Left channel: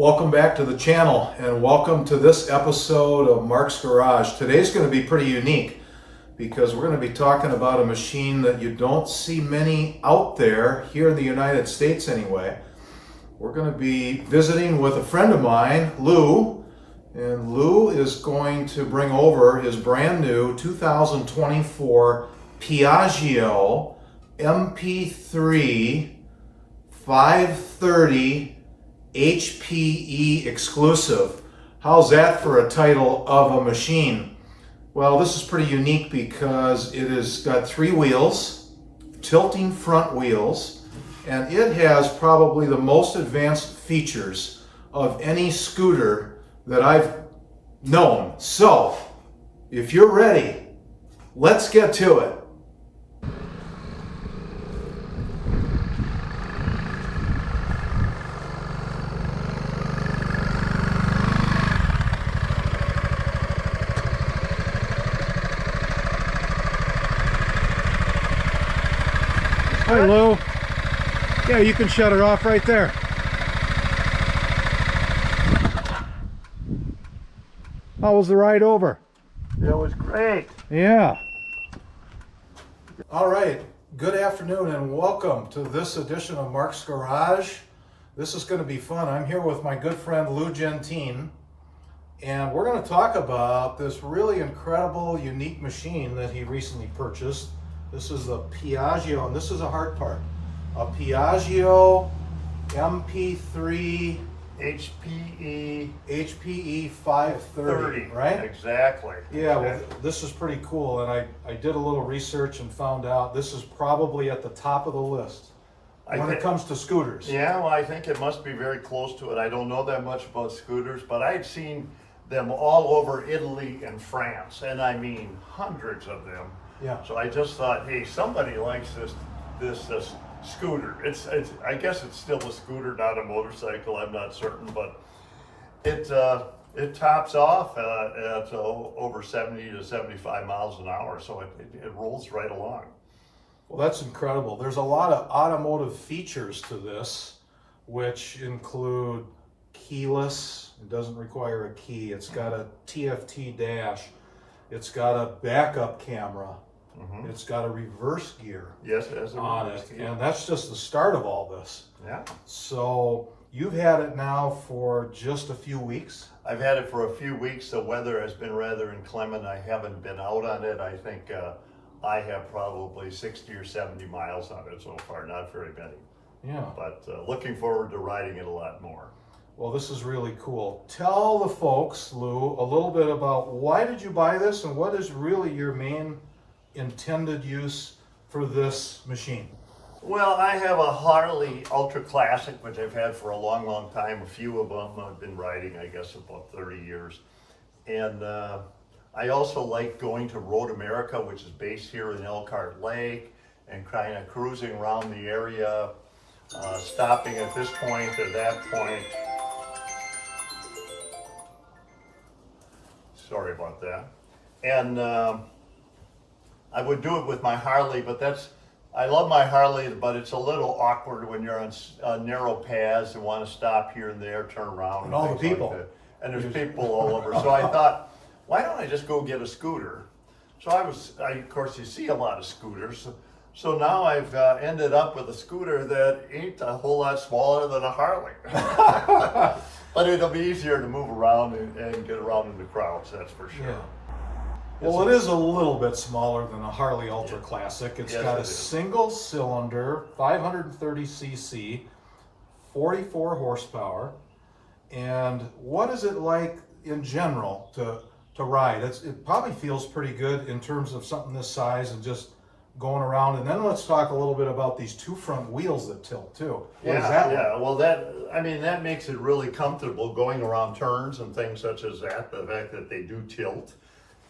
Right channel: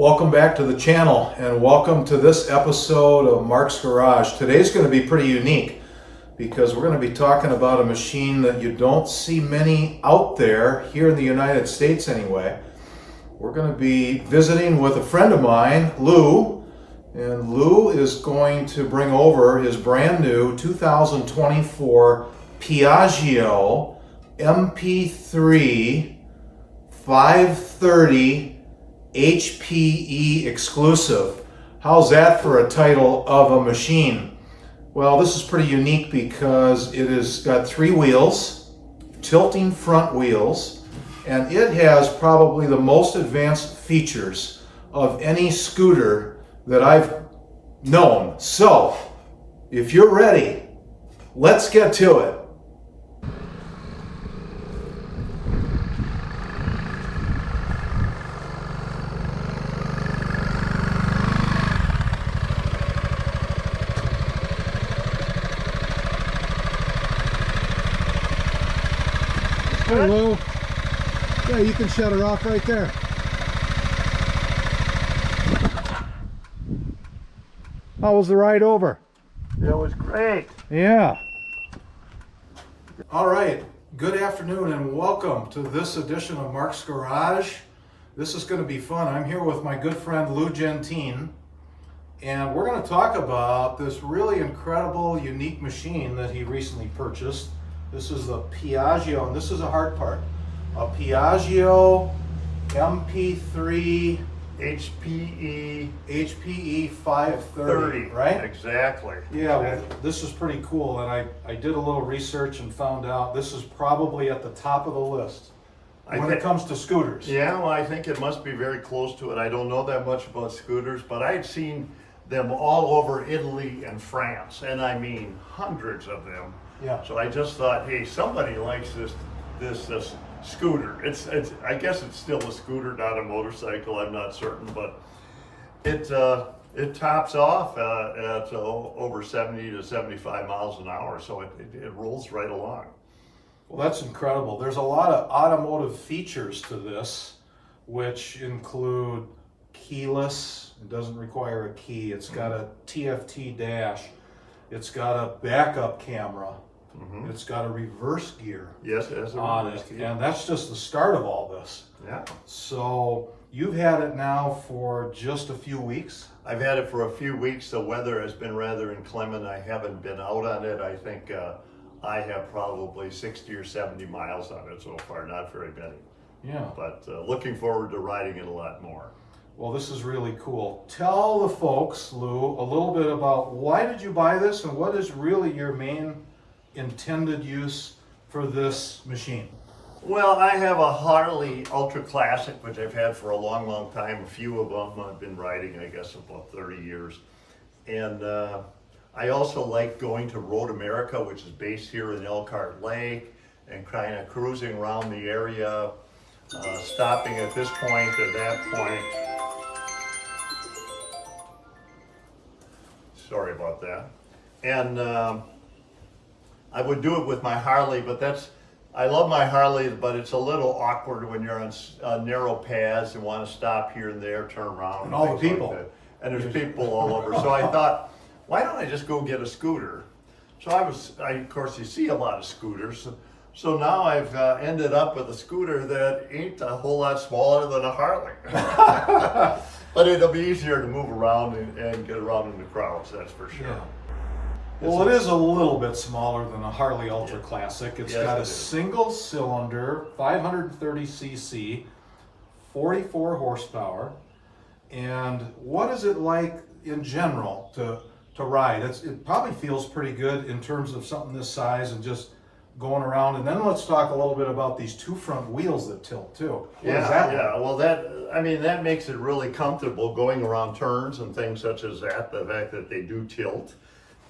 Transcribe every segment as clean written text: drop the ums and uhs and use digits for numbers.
Welcome back to the channel and welcome to this episode of Mark's Garage. Today's going to be pretty unique because we're going to be talking about a machine that you don't see many out there here in the United States anyway. We're going to be visiting with a friend of mine, Lou, and Lou is going to bring over his brand new 2024 Piaggio MP3 530 HPE exclusive. How's that for a title of a machine? Well, this is pretty unique because it has got three wheels, tilting front wheels, and it has probably the most advanced features of any scooter that I've known. So, if you're ready, let's get to it. Hi, Lou. Yeah, you can shut it off right there. How was the ride over? It was great. Yeah. All right. Good afternoon and welcome to this edition of Mark's Garage. This is going to be fun. I'm here with my good friend Lou Gentine, and we're going to talk about this really incredible, unique machine that he recently purchased. This is the Piaggio, and this is a hard part. A Piaggio MP3 HPE 530, right? Exactly. Yeah, well, this is pretty cool, and I did a little research and found out this is probably at the top of the list when it comes to scooters. Yeah, well, I think it must be very close to it. I don't know that much about scooters, but I'd seen them all over Italy and France, and I mean hundreds of them. Yeah. So I just thought, hey, somebody likes this scooter. I guess it's still a scooter, not a motorcycle. I'm not certain, but it tops off at over 70 to 75 miles an hour, so it rolls right along. Well, that's incredible. There's a lot of automotive features to this, which include keyless. It doesn't require a key. It's got a TFT dash. It's got a backup camera. Mm-hmm. It's got a reverse gear. Yes, it has a on reverse it, gear. and that's just the start of all this. Yeah. So you've had it now for just a few weeks. I've had it for a few weeks. The weather has been rather inclement. I haven't been out on it. I think I have probably 60 or 70 miles on it so far, not very many. Yeah. But looking forward to riding it a lot more. Well, this is really cool. Tell the folks, Lou, a little bit about why did you buy this and what is really your main intended use for this machine? Well, I have a Harley Ultra Classic, which I've had for a long, long time. A few of them I've been riding, I guess, about 30 years. And I also like going to Road America, which is based here in Elkhart Lake, and kind of cruising around the area, stopping at this point or that point. Sorry about that. And I would do it with my Harley, but I love my Harley, but it's a little awkward when you're on narrow paths and want to stop here and there, turn around. And all the people. Like and there's people all over. So I thought, why don't I just go get a scooter? So of course, you see a lot of scooters. So now I've ended up with a scooter that ain't a whole lot smaller than a Harley. But it'll be easier to move around and get around in the crowds, that's for sure. Yeah. Well, it is a little bit smaller than a Harley Ultra Classic. It's got a single cylinder, 530cc, 44 horsepower. And what is it like in general to ride? It probably feels pretty good in terms of something this size and just going around. And then let's talk a little bit about these two front wheels that tilt too. Well, that makes it really comfortable going around turns and things such as that, the fact that they do tilt.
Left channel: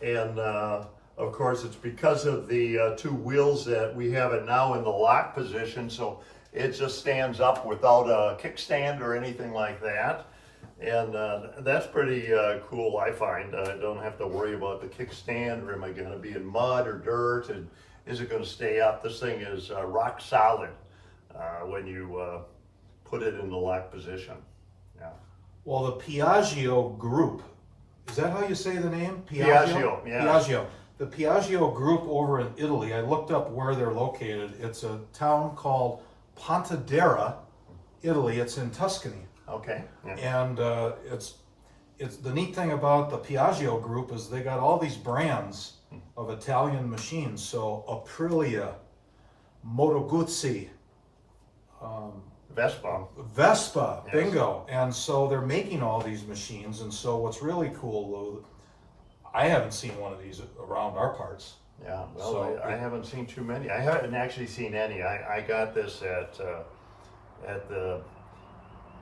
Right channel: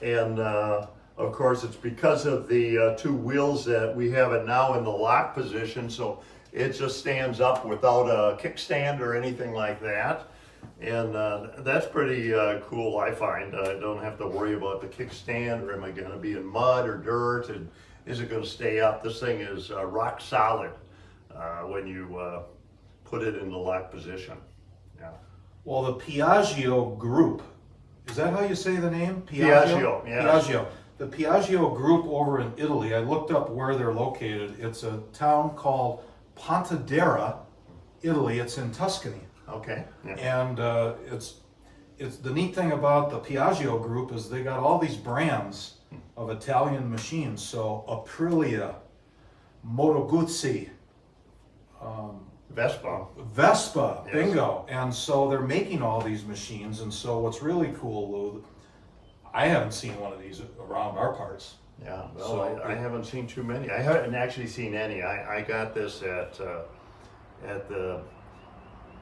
And of course, it's because of the two wheels that we have it now in the lock position, so it just stands up without a kickstand or anything like that. And that's pretty cool, I find. I don't have to worry about the kickstand, or am I going to be in mud or dirt, and is it going to stay up? This thing is rock solid when you put it in the lock position. Yeah. Well, the Piaggio Group, is that how you say the name? Piaggio, yeah. Piaggio. The Piaggio Group over in Italy, I looked up where they're located. It's a town called Pontedera, Italy. It's in Tuscany. Okay. Yeah. And it's the neat thing about the Piaggio Group is they got all these brands of Italian machines. So Aprilia, Moto Guzzi, Vespa. Vespa, Yes. bingo. And so they're making all these machines. And so what's really cool, Lou, I haven't seen one of these around our parts. Yeah, well, So I haven't seen too many. I haven't actually seen any. I got this at the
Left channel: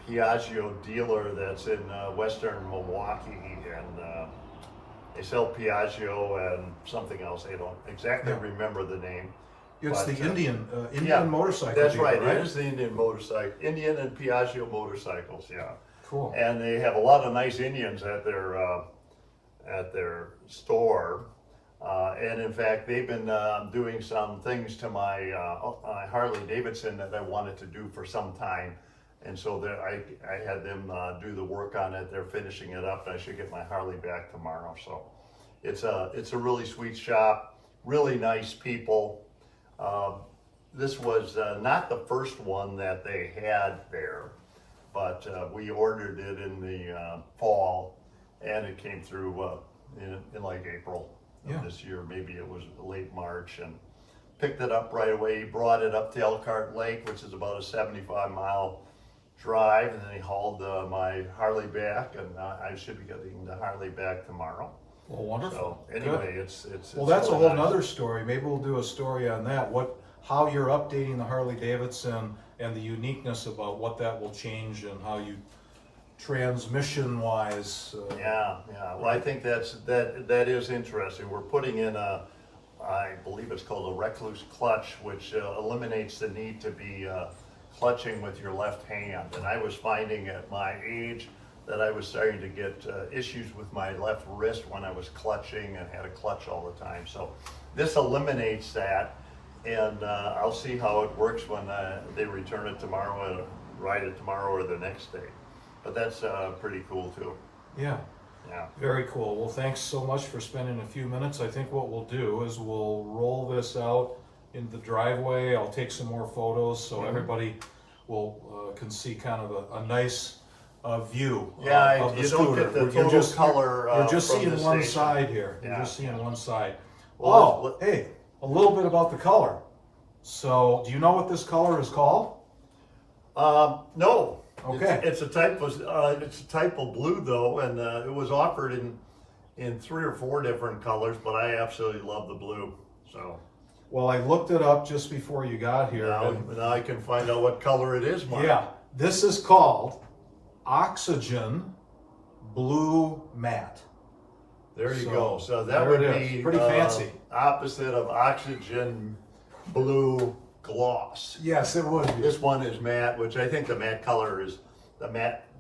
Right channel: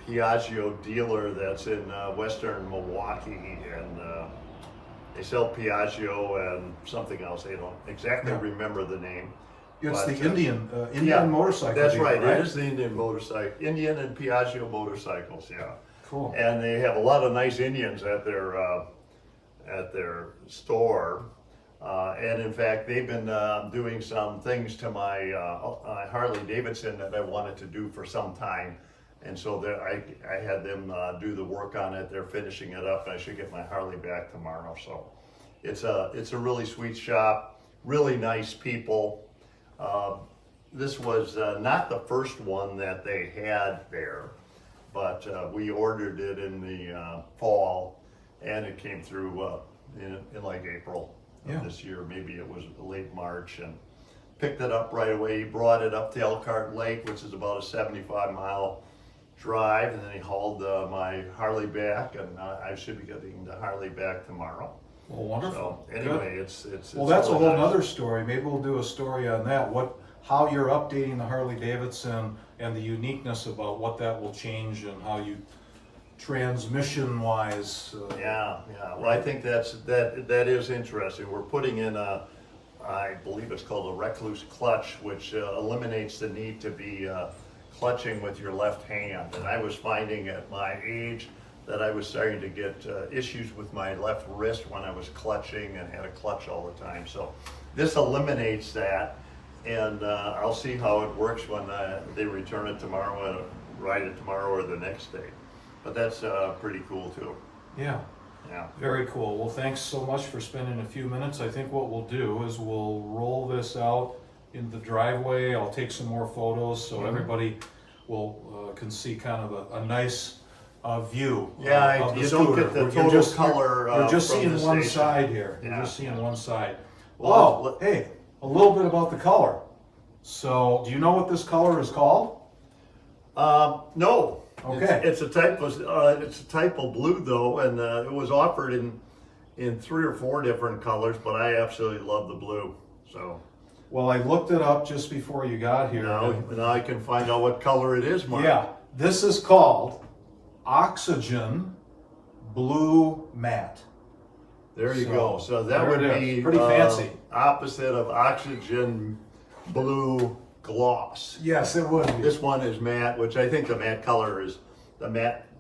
Piaggio dealer that's in western Milwaukee, and they sell Piaggio and something else. I don't exactly remember the name. It's But, the Indian motorcycle That's dealer, right. right? It is the Indian and Piaggio motorcycles. Yeah. Cool. And they have a lot of nice Indians at their store. And in fact, they've been doing some things to my Harley Davidson that I wanted to do for some time. And so I had them do the work on it. They're finishing it up, and I should get my Harley back tomorrow. So it's a really sweet shop, really nice people. This was not the first one that they had there, but we ordered it in the fall, and it came through in like April of this year. Maybe it was late March, and picked it up right away. He brought it up to Elkhart Lake, which is about a 75-mile drive, and then he hauled my Harley back, and I should be getting the Harley back tomorrow. Well, wonderful. So anyway, Good. it's Well, that's a really whole nice. nother story. Maybe we'll do a story on that. How you're updating the Harley Davidson and the uniqueness about what that will change and how you transmission wise. Yeah. Well, I think that is interesting. We're putting in I believe it's called a recluse clutch, which eliminates the need to be clutching with your left hand. And I was finding at my age that I was starting to get issues with my left wrist when I was clutching and had a clutch all the time. So this eliminates that, and I'll see how it works when they return it tomorrow and ride it tomorrow or the next day. But that's pretty cool too. Yeah. Yeah. Very cool. Well, thanks so much for spending a few minutes. I think what we'll do is we'll roll this out in the driveway. I'll take some more photos so everybody will can see kind of a nice view. Yeah, of the you don't scooter. get the You're total just- color. You're just from seeing the one station. side here. You're Yeah, just seeing yeah. one side. Well, Oh, hey, a little bit about the color. So, do you know what this color is called? No. Okay. It's a type of blue though, and it was offered in 3 or 4 different colors, but I absolutely love the blue. So Well, I looked it up just before you got here. now I can find out what color it is, Mark. Yeah, this is called Oxygen Blue Matte. There you So, go. So that there would it is. be Pretty fancy. opposite of oxygen blue gloss. Yes, it would be. This one is matte, which I think the matte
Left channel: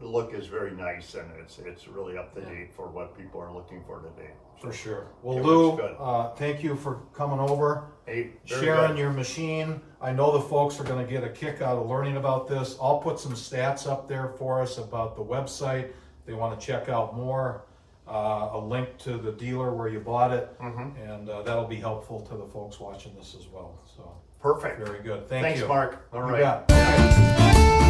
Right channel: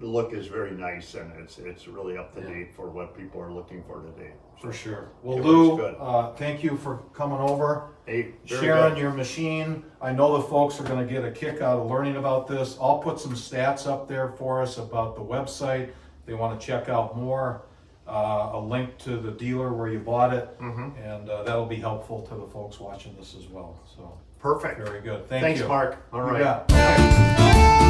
look is very nice, and it's really up to date for what people are looking for today. For sure. Well, It Lou, looks good. thank you for coming over, Hey, very sharing good. your machine. I know the folks are going to get a kick out of learning about this. I'll put some stats up there for us about the website. If they want to check out more, a link to the dealer where you bought it, and that'll be helpful to the folks watching this as well. So, Perfect. very good. Thank Thanks, you. Mark. All You right. got it.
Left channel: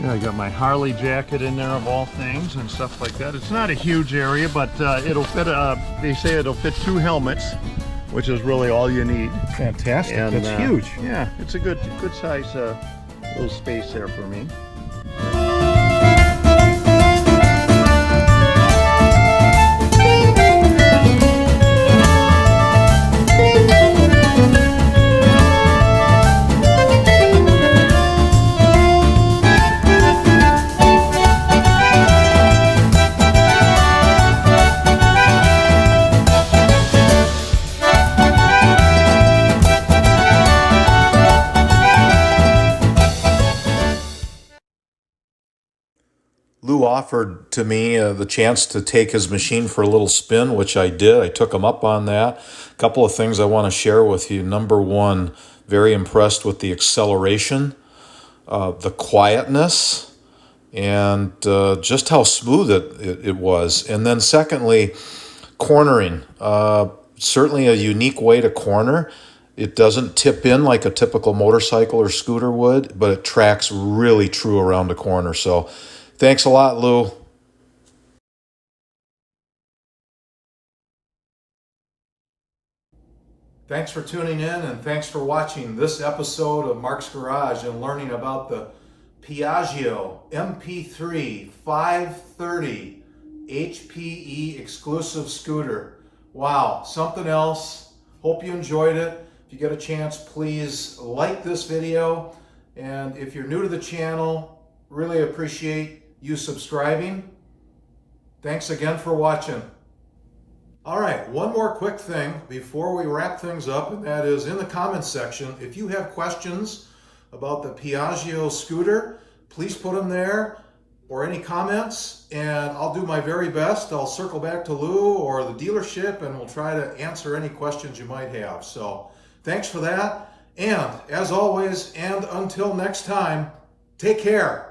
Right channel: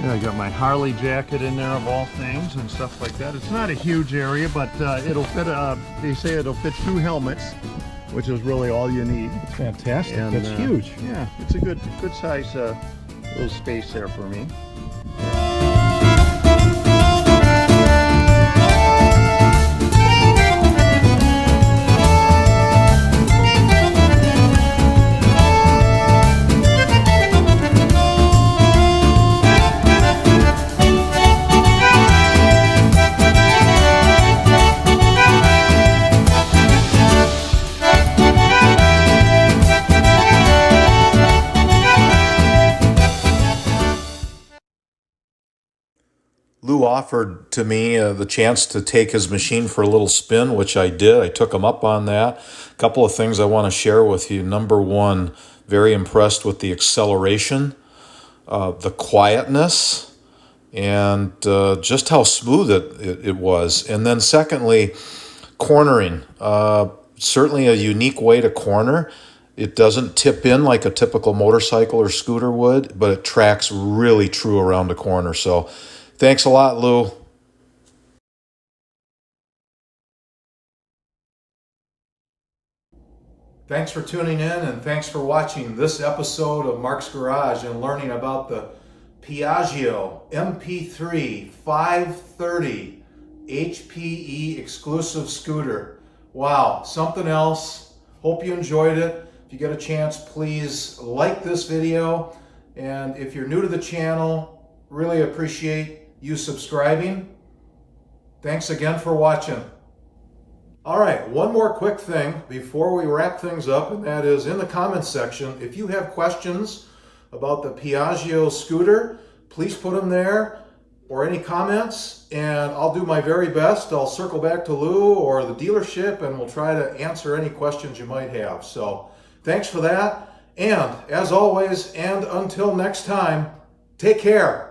Yeah, I got my Harley jacket in there of all things and stuff like that. It's not a huge area, but it'll fit. They say it'll fit 2 helmets, which is really all you need. Fantastic. And, That's huge. Yeah, it's a good size little space there for me. Lou offered to me the chance to take his machine for a little spin, which I did. I took him up on that. A couple of things I want to share with you. Number one, very impressed with the acceleration, the quietness, and just how smooth it was. And then secondly, cornering. Certainly a unique way to corner. It doesn't tip in like a typical motorcycle or scooter would, but it tracks really true around the corner. So thanks a lot, Lou. Thanks for tuning in, and thanks for watching this episode of Mark's Garage and learning about the Piaggio MP3 530 HPE exclusive scooter. Wow, something else. Hope you enjoyed it. If you get a chance, please like this video. And if you're new to the channel, really appreciate you subscribing. Thanks again for watching. All right, one more quick thing before we wrap things up, and that is in the comments section. If you have questions about the Piaggio scooter, please put them there, or any comments, and I'll do my very best. I'll circle back to Lou or the dealership, and we'll try to answer any questions you might have. So thanks for that, and as always, and until next time, take care.